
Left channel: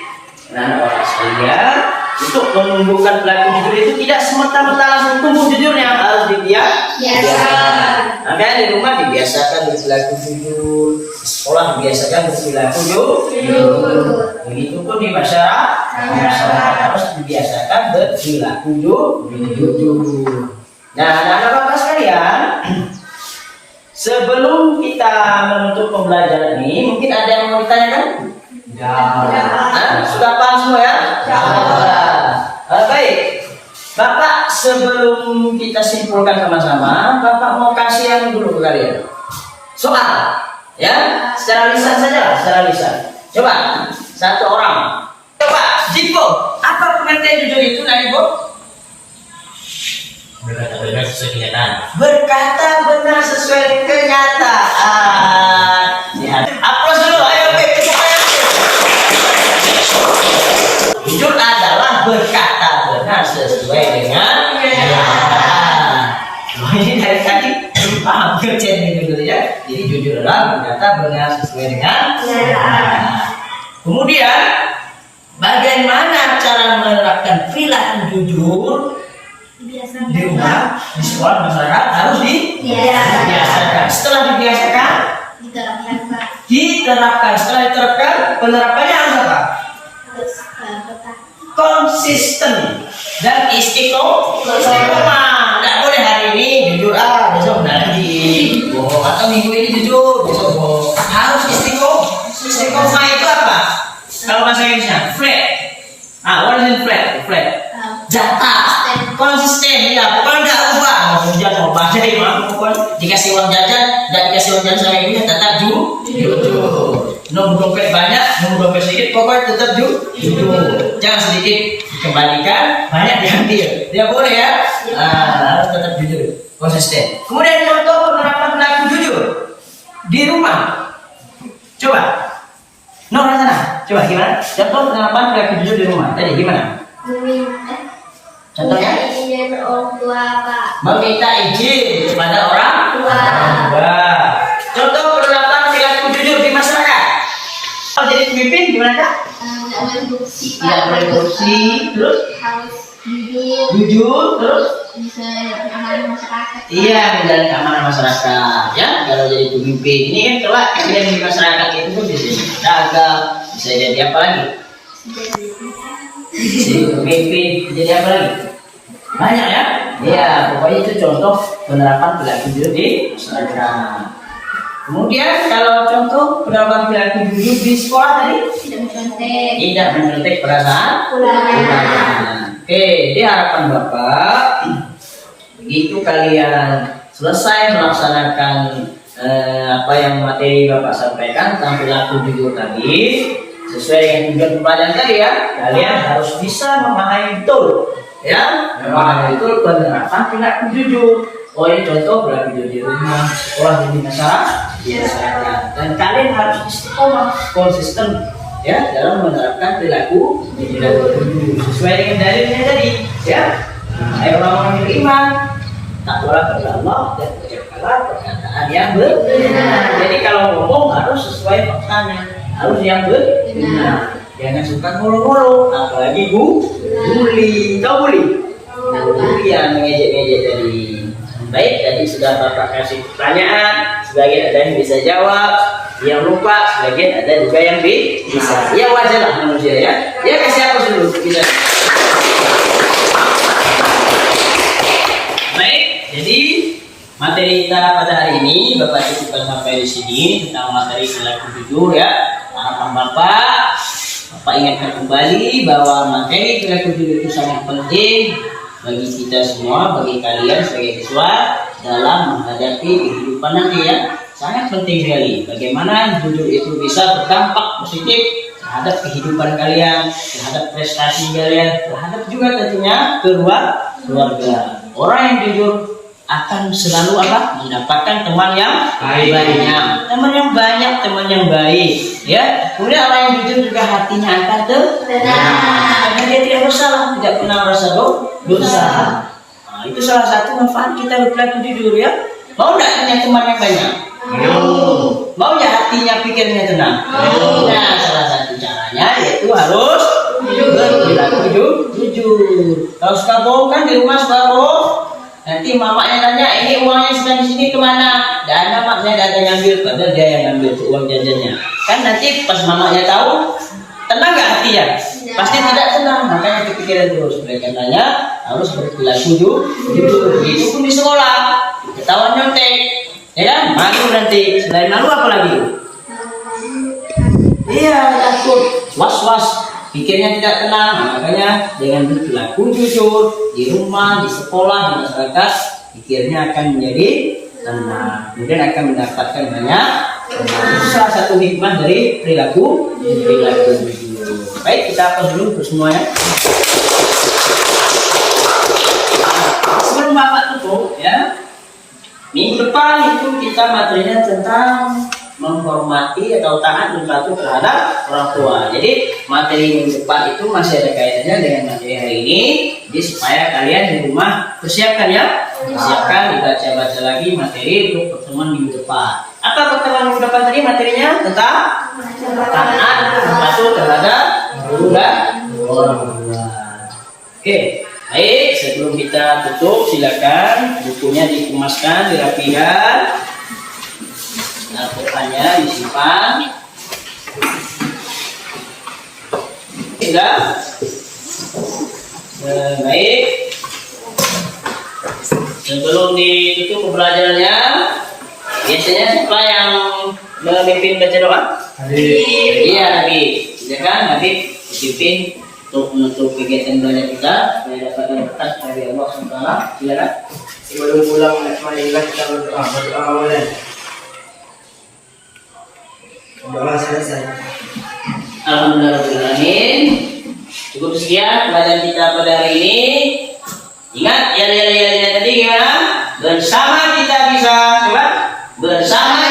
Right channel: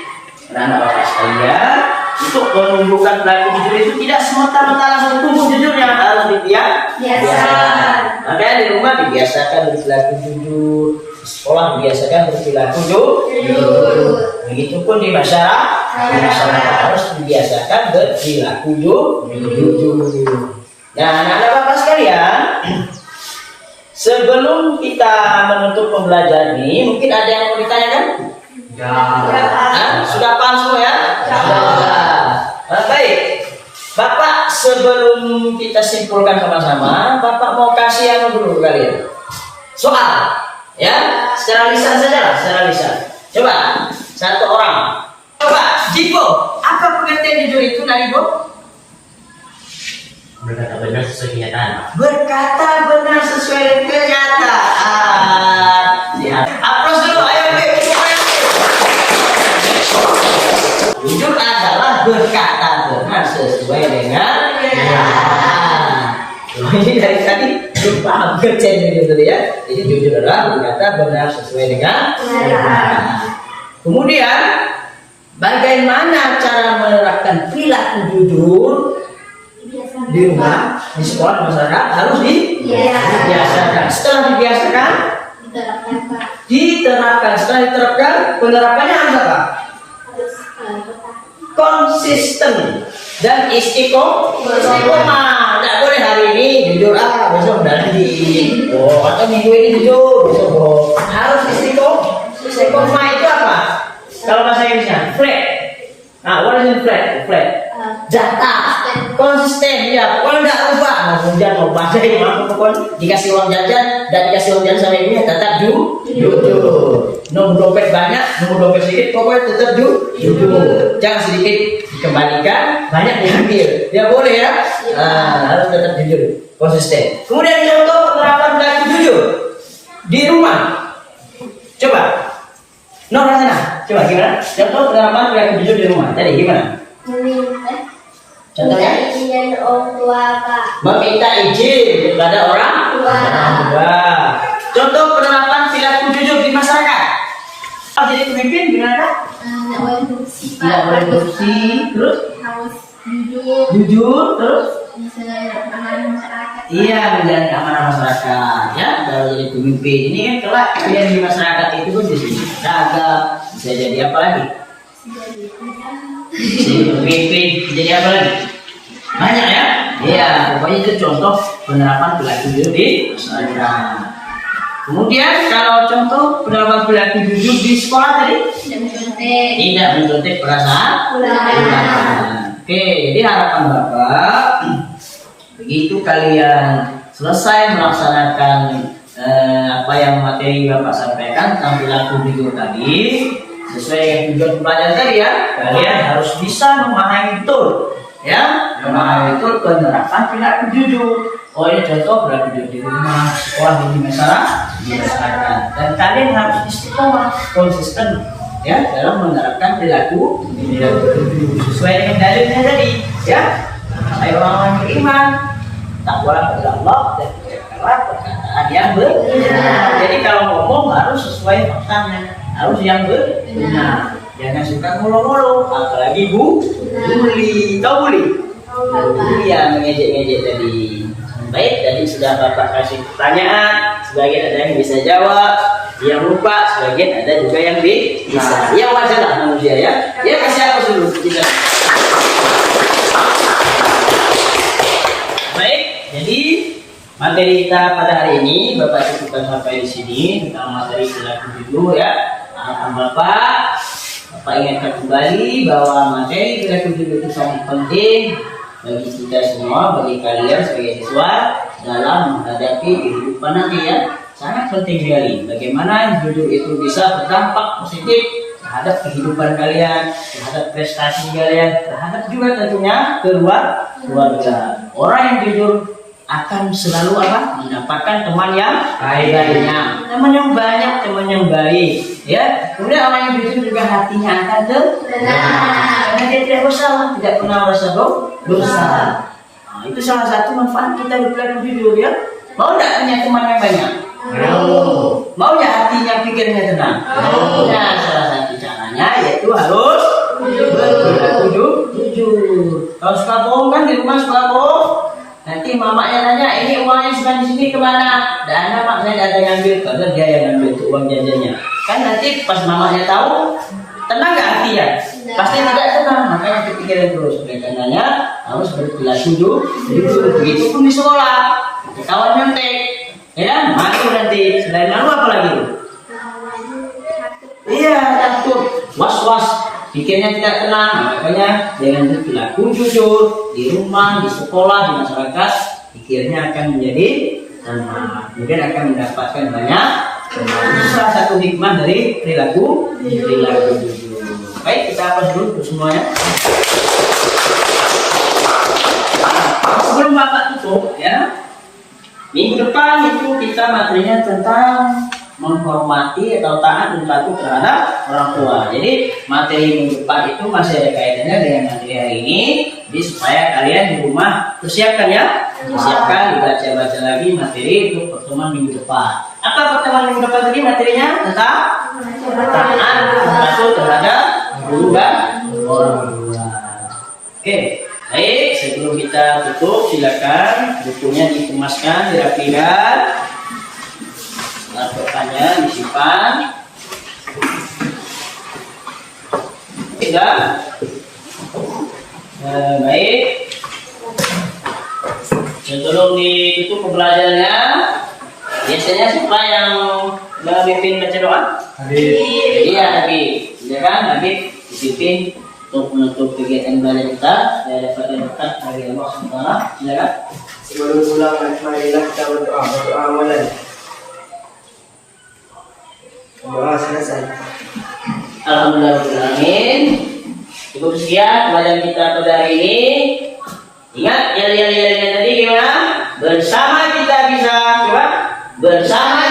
anak-anak Bapak sekalian, untuk menumbuhkan perilaku jujur itu tidak semata-mata langsung tumbuh jujurnya, harus dibiasakan. Makanya di rumah dibiasakan berperilaku jujur, di sekolah dibiasakan berperilaku jujur. Begitupun di masyarakat harus dibiasakan berperilaku jujur. Nah, anak-anak Bapak sekalian, sebelum kita menutup pembelajaran ini, mungkin ada yang mau ditanyakan? Sudah paham semua, ya? Baik, Bapak, sebelum kita simpulkan sama-sama, Bapak mau kasih yang dulu kalian soal, ya, secara lisan saja lah, secara lisan. Coba satu orang, coba Jipo, apa pengertian jujur itu, Naribo? Berkata benar sesuai kenyataan. Berkata benar sesuai kenyataan. Lihat, aplaus dulu, ayo Beb. Jujur adalah berkata benar sesuai dengan kenyataan. Ini dari tadi lupa kerjaan ini dulu, ya. Jadi jujur adalah berkata benar sesuai dengan kenyataan. Kemudian bagaimana cara menerapkan perilaku jujur di rumah, di sekolah, di masyarakat? Harus dibiasakan. Setelah dibiasakan, diterapkan. Setelah diterapkan, penerapannya harus apa? Konsisten dan istiqomah. Tidak boleh hari ini jujur, besok udah lagi. Atau minggu ini jujur, besok harus istiqomah. Istiqomah itu apa? Kalau bahasa Inggrisnya flat. What is it flat? Flat. Datar. mau badai pokoknya dikasih uang jajan dan dikasih uang jajan sama ibunya tetap jujur. Nomor dompet banyak, nomor dompet sedikit, pokoknya tetap jujur. Jangan sedikit dikembalikan, banyak diambil. Dia boleh ya, harus tetap jujur, konsisten. Kemudian contoh penerapan perilaku jujur di rumah. Coba, sana. Coba gimana? Contoh penerapan perilaku jujur di rumah. Jadi gimana? Contohnya? Izin orang tua, Pak. Meminta izin kepada orang tua. Contoh penerapan perilaku jujur di masyarakat. Kalau jadi pemimpin gimana Kak? Nggak boleh korupsi, Pak. Tidak boleh korupsi, terus Harus jujur, jujur, terus bisa keamanan masyarakat. iya menjalin keamanan masyarakat. Ya, kalau jadi pemimpin ini kan kelak yang di masyarakat itu pun bisa jadi dagang, bisa jadi apa lagi? Jadi pemimpin, jadi apa lagi? Banyak ya? Iya, pokoknya itu contoh penerapan perilaku jujur di masyarakat. Kemudian kalau contoh penerapan perilaku jujur di sekolah tadi tidak mencontek perasaan ulangan. Oke, jadi harapan Bapak begitu kalian selesai melaksanakan apa yang materi Bapak sampaikan tentang perilaku jujur tadi sesuai dengan tujuan pembelajaran tadi ya, kalian harus bisa memahami betul ya, memahami betul penerapan perilaku jujur. Oh ini contoh perilaku jujur di rumah, sekolah, di masyarakat, dan kalian harus istiqomah, konsisten ya dalam menerapkan perilaku jujur sesuai dengan dalilnya tadi ya. Ayo orang yang beriman, takwalah kepada Allah dan ucapkanlah perkataan yang benar. Jadi kalau ngomong harus sesuai faktanya, harus yang benar. Jangan suka ngolo-ngolo, apalagi bully. Tahu bully? Bully yang ngejek-ngejek tadi. Baik, tadi sudah Bapak kasih pertanyaan, sebagian ada yang bisa jawab, yang lupa, sebagian ada juga yang bisa. Ya wajar lah manusia ya. Ya kasih apa dulu kita. Baik, jadi materi kita pada hari ini Bapak cukupkan sampai di sini tentang materi perilaku jujur ya. Harapan Bapak ingatkan kembali bahwa materi perilaku jujur itu sangat penting bagi kita semua, bagi kalian sebagai siswa dalam menghadapi kehidupan nanti ya. Sangat penting sekali bagaimana jujur itu bisa berdampak positif terhadap kehidupan kalian, terhadap prestasi kalian, terhadap juga tentunya keluarga. Orang yang jujur akan selalu mendapatkan teman yang banyak, teman yang baik ya. Kemudian orang yang jujur juga hatinya akan tenang karena dia tidak bersalah, tidak pernah merasa dosa. Nah, itu salah satu manfaat kita berperilaku jujur ya. Mau tidak punya teman yang banyak? Mau ya hatinya, pikirnya tenang? Nah, salah satu caranya yaitu harus berperilaku jujur. Kalau suka bohong kan di rumah suka bohong, nanti mamanya nanya, ini uangnya sedang di sini kemana? Dan mamanya ada yang ngambil, padahal dia yang ngambil tuh uang jajannya. Kan nanti pas mamanya tahu, tenang nggak hatinya? Pasti tidak tenang, makanya kepikiran terus. Oleh karenanya harus berperilaku jujur. Begitu pun di sekolah, ketahuan nyontek, ya kan? Malu nanti. Selain malu apa lagi? Iya, takut, was-was, pikirnya tidak tenang. Makanya jangan berperilaku jujur di rumah, di sekolah, di masyarakat. Pikirnya akan menjadi tenang, kemudian akan mendapatkan banyak. Itu salah satu hikmah dari perilaku jujur. Baik, kita hapus dulu untuk semuanya. Sebelum Bapak tutup ya, minggu depan itu kita materinya tentang menghormati atau taat dan patuh terhadap orang tua. Jadi materi minggu depan itu masih ada kaitannya dengan materi hari ini. Jadi supaya kalian di rumah persiapkan ya, persiapkan dibaca-baca lagi materi untuk pertemuan minggu depan. Apa pertemuan minggu depan tadi materinya? Tentang taat dan patuh terhadap guru dan orang tua. Oke, baik. Sebelum kita tutup, silakan bukunya dikemaskan, dirapikan. Pertanyaan disimpan. Tidak. Baik. Sebelum ditutup pembelajarannya, biasanya siapa yang memimpin baca doa? Habib. Iya, Habib. Ya kan, Habib dipimpin untuk menutup kegiatan belajar kita supaya dapat berkat dari Allah SWT. Silakan. Sebelum pulang, marilah kita berdoa. Berdoa awalan. Doa selesai. Alhamdulillahirrahmanirrahim. Cukup sekian pelajaran kita pada hari ini. Ingat ya tadi gimana? Bersama kita bisa, coba. Bersama